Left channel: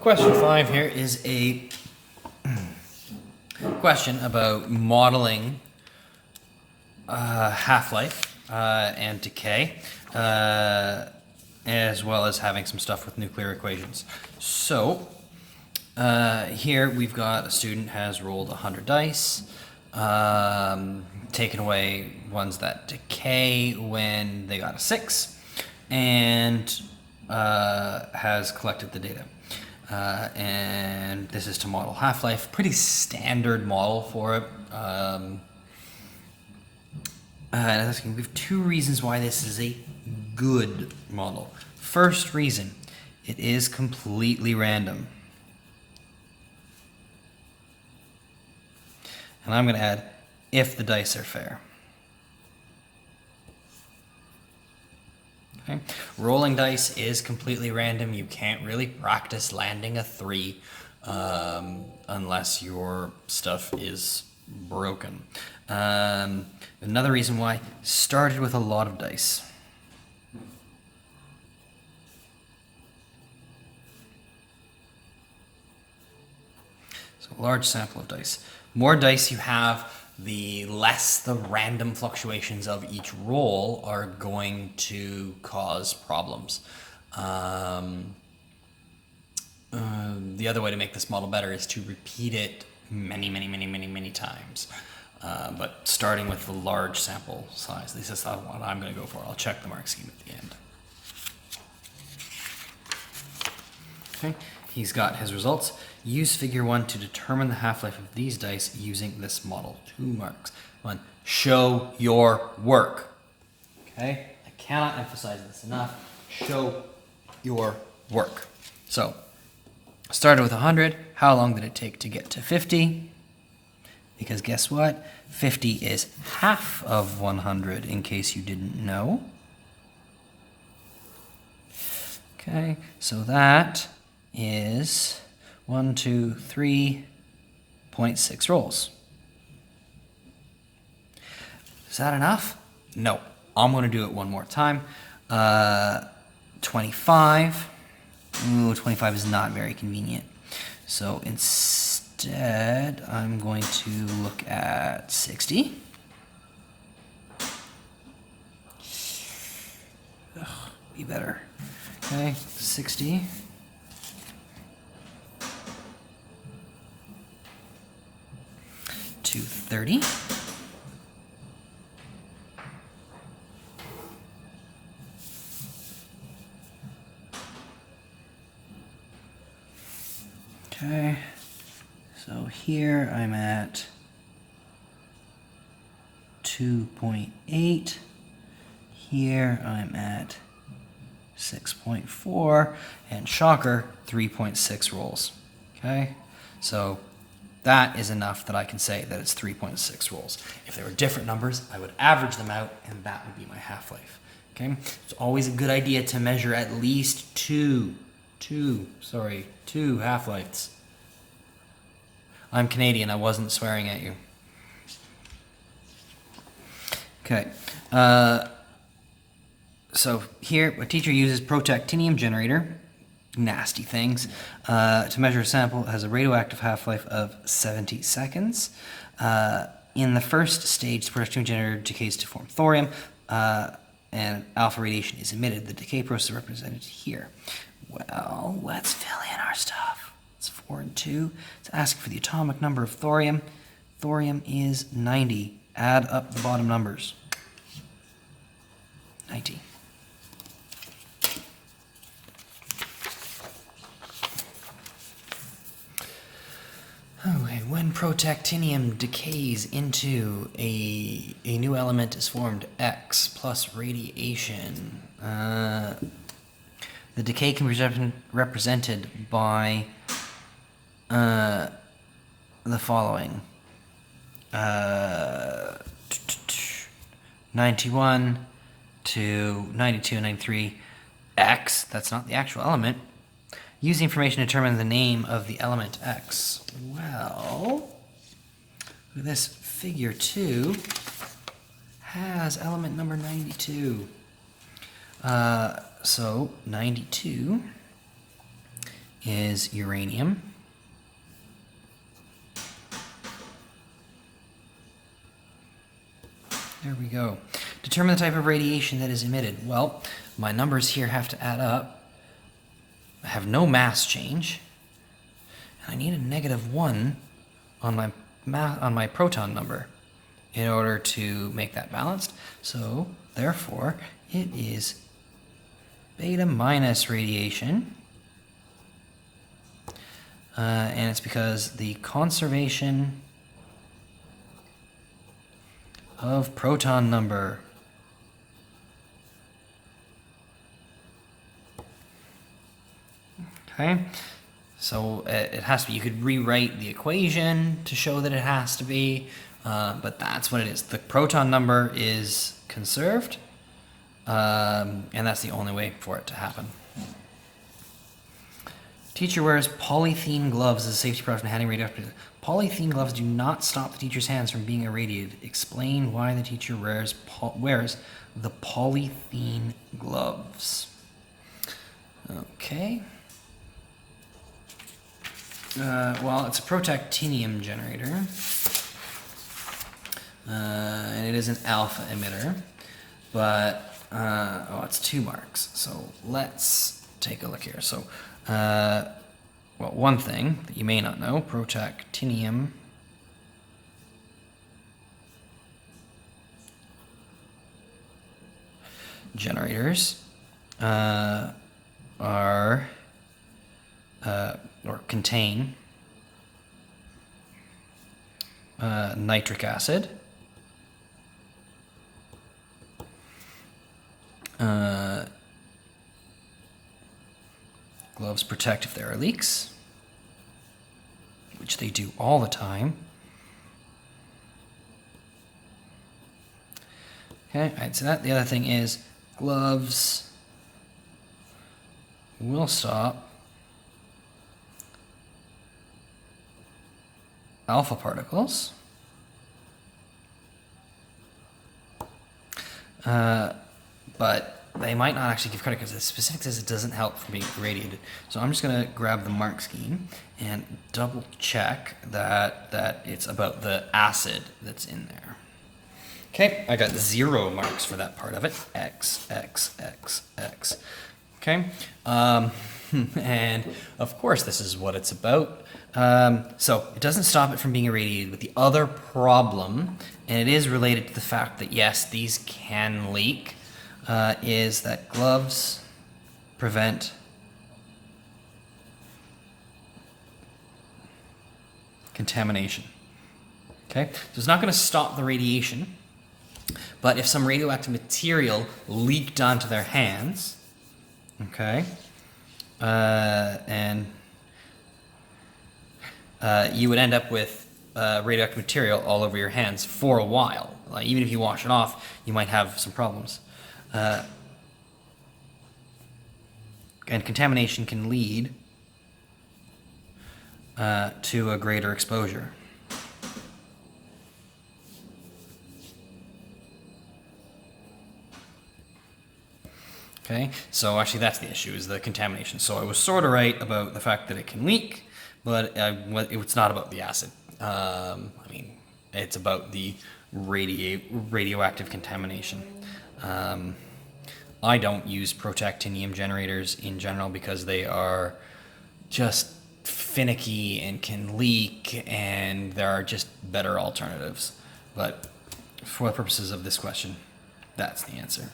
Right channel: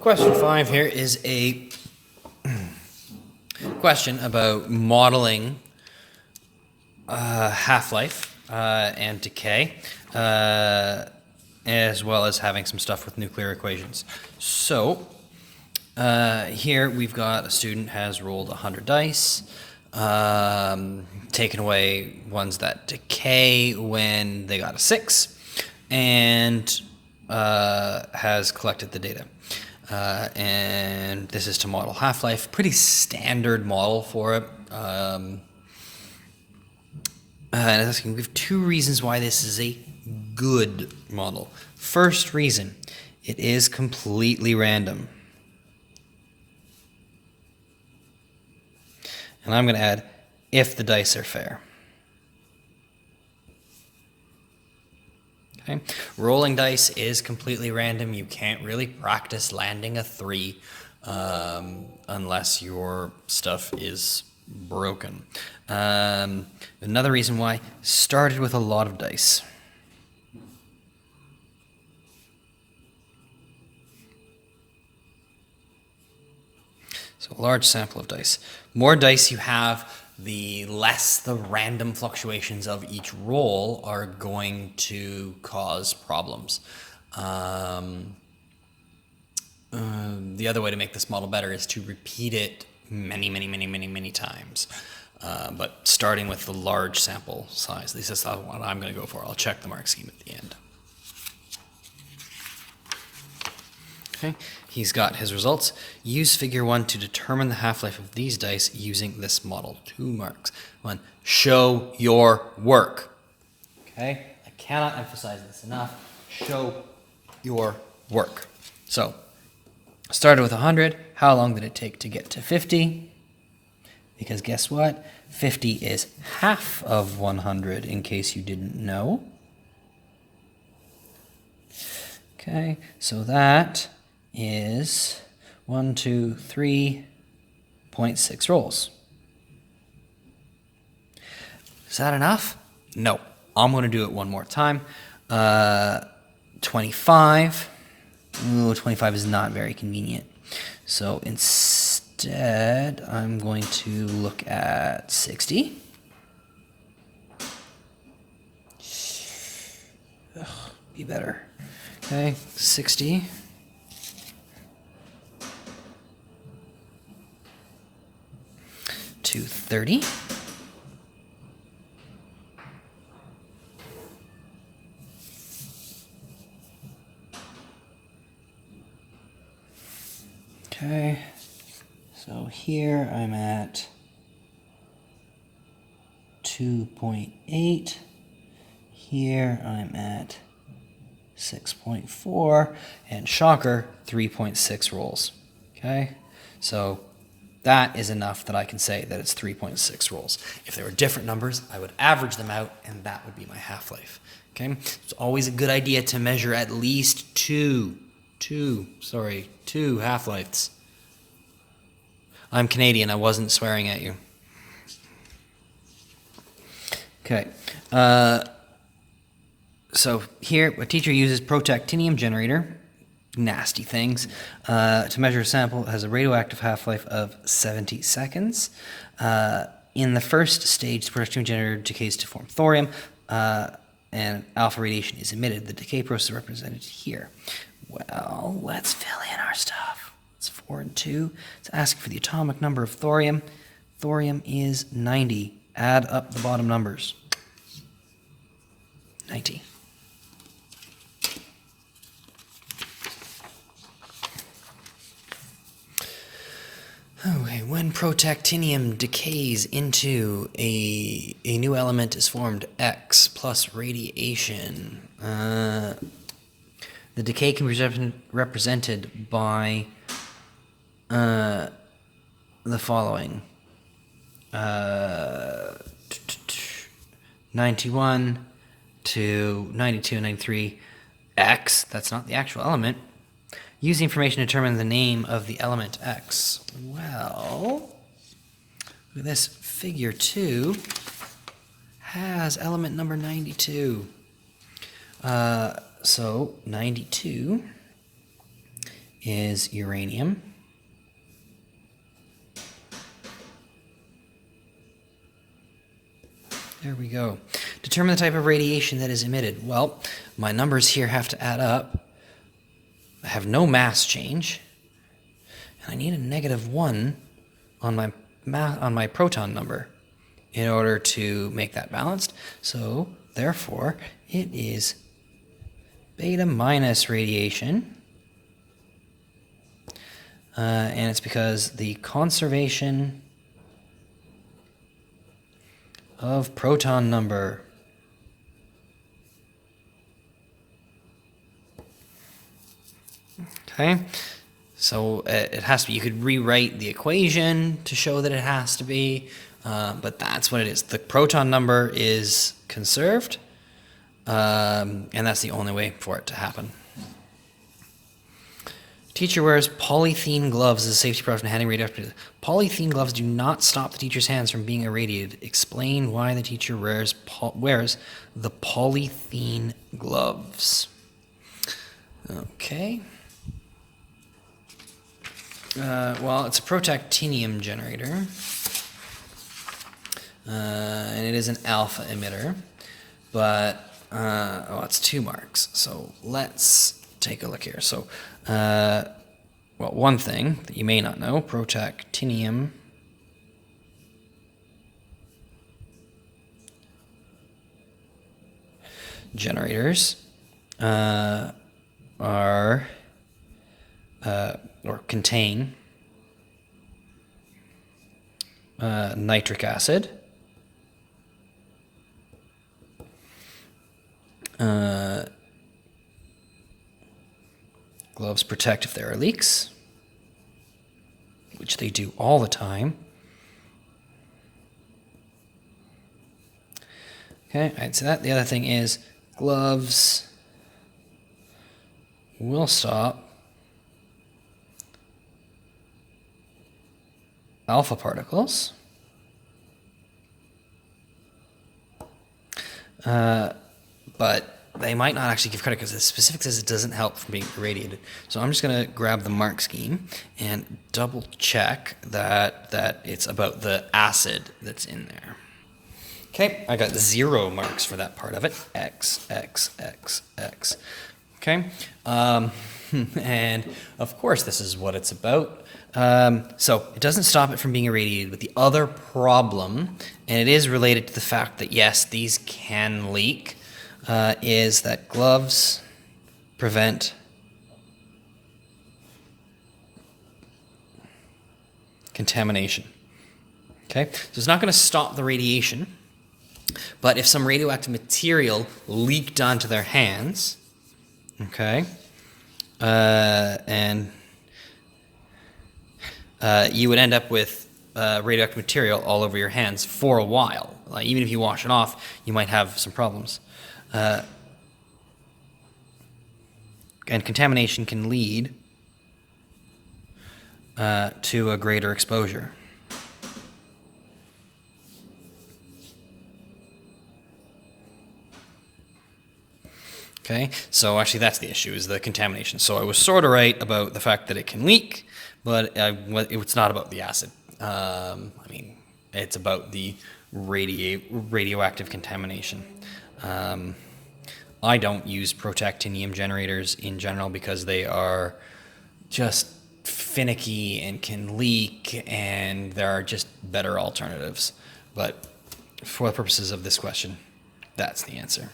Question 5 here is a question about modeling half-life and decay, as well as having some stuff with nuclear equations. So here we've got a student has rolled 100 dice, taken away ones that decay when they got a 6, and has collected the data. And this is to model half-life. Pretty standard model for it. And it's asking, we have 2 reasons why this is a good model. First reason, it is completely random. And I'm going to add, if the dice are fair. Okay. Rolling dice is completely random. You can't really practice landing a 3 unless your stuff is broken. Another reason why, started with a lot of dice. So a large sample of dice. More dice you have, the less the random fluctuations of each roll are going to cause problems. The other way to make this model better is to repeat it many times. But starting with the large sample size, at least that's what I'm going to go for. I'll check the mark scheme at the end. Okay, he's got his results. Use figure 1 to determine the half-life of these dice using this model. 2 marks. 1, show your work. Okay, I cannot emphasize this enough. Show your work. So, started with 100. How long did it take to get to 50? Because guess what? 50 is half of 100, in case you didn't know. Okay, so that is 3.6 rolls. Is that enough? No. I'm going to do it one more time. 25. Ooh, 25 is not very convenient. So instead, I'm going to look at 60. Ugh, be better. Okay, 60. To 30. Okay, so here I'm at 2.8. Here I'm at 6.4, and shocker, 3.6 rolls. Okay, so that is enough that I can say that it's 3.6 rolls. If there were different numbers, I would average them out, and that would be my half-life. Okay, it's always a good idea to measure at least two half-lives. I'm Canadian, I wasn't swearing at you. Okay, so here a teacher uses protactinium generator, nasty things, to measure a sample that has a radioactive half-life of 70 seconds. In the first stage, the protactinium generator decays to form thorium, and alpha radiation is emitted. The decay process is represented here. Well, let's fill in our stuff. It's 4 and 2. Let's ask for the atomic number of thorium. Thorium is 90. Add up the bottom numbers. 90. Okay, when protactinium decays into a new element is formed, X plus radiation. The decay can be represented by the following. 91 to 92 and 93 X, that's not the actual element. Use the information to determine the name of the element X. Well, look at this. Figure 2 has element number 92. So 92 is uranium. There we go. Determine the type of radiation that is emitted. Well, my numbers here have to add up. I have no mass change. And I need a -1 on my proton number in order to make that balanced. So, therefore, it is beta minus radiation. And it's because the conservation of proton number. Okay, so it has to be, you could rewrite the equation to show that it has to be, but that's what it is. The proton number is conserved, and that's the only way for it to happen. Teacher wears polythene gloves as a safety precaution handling radioactive. Polythene gloves do not stop the teacher's hands from being irradiated. Explain why the teacher wears the polythene gloves. Okay. Well, it's a protactinium generator. And it is an alpha emitter. But, it's 2 marks. So let's take a look here. So, well, one thing that you may not know, protactinium generators are or contain nitric acid, gloves protect if there are leaks, which they do all the time. Okay, I'd say that. The other thing is gloves will stop alpha particles. But they might not actually give credit because the specific says it doesn't help from being irradiated. So I'm just going to grab the mark scheme and double check that it's about the acid that's in there. Okay, I got 0 marks for that part of it. X, X, X, X. Okay, and of course this is what it's about. So it doesn't stop it from being irradiated, but the other problem, and it is related to the fact that yes, these can leak, is that gloves prevent contamination. Okay, so it's not going to stop the radiation, but if some radioactive material leaked onto their hands, okay, and you would end up with radioactive material all over your hands for a while. Like, even if you wash it off, you might have some problems. And contamination can lead to a greater exposure. Okay, so actually that's the issue, is the contamination. So I was sort of right about the fact that it can leak, but it's not about the acid. I mean, it's about the radioactive contamination. I don't use protactinium generators in general because they are just finicky and can leak, and there are just better alternatives. But for the purposes of this question, that's the answer.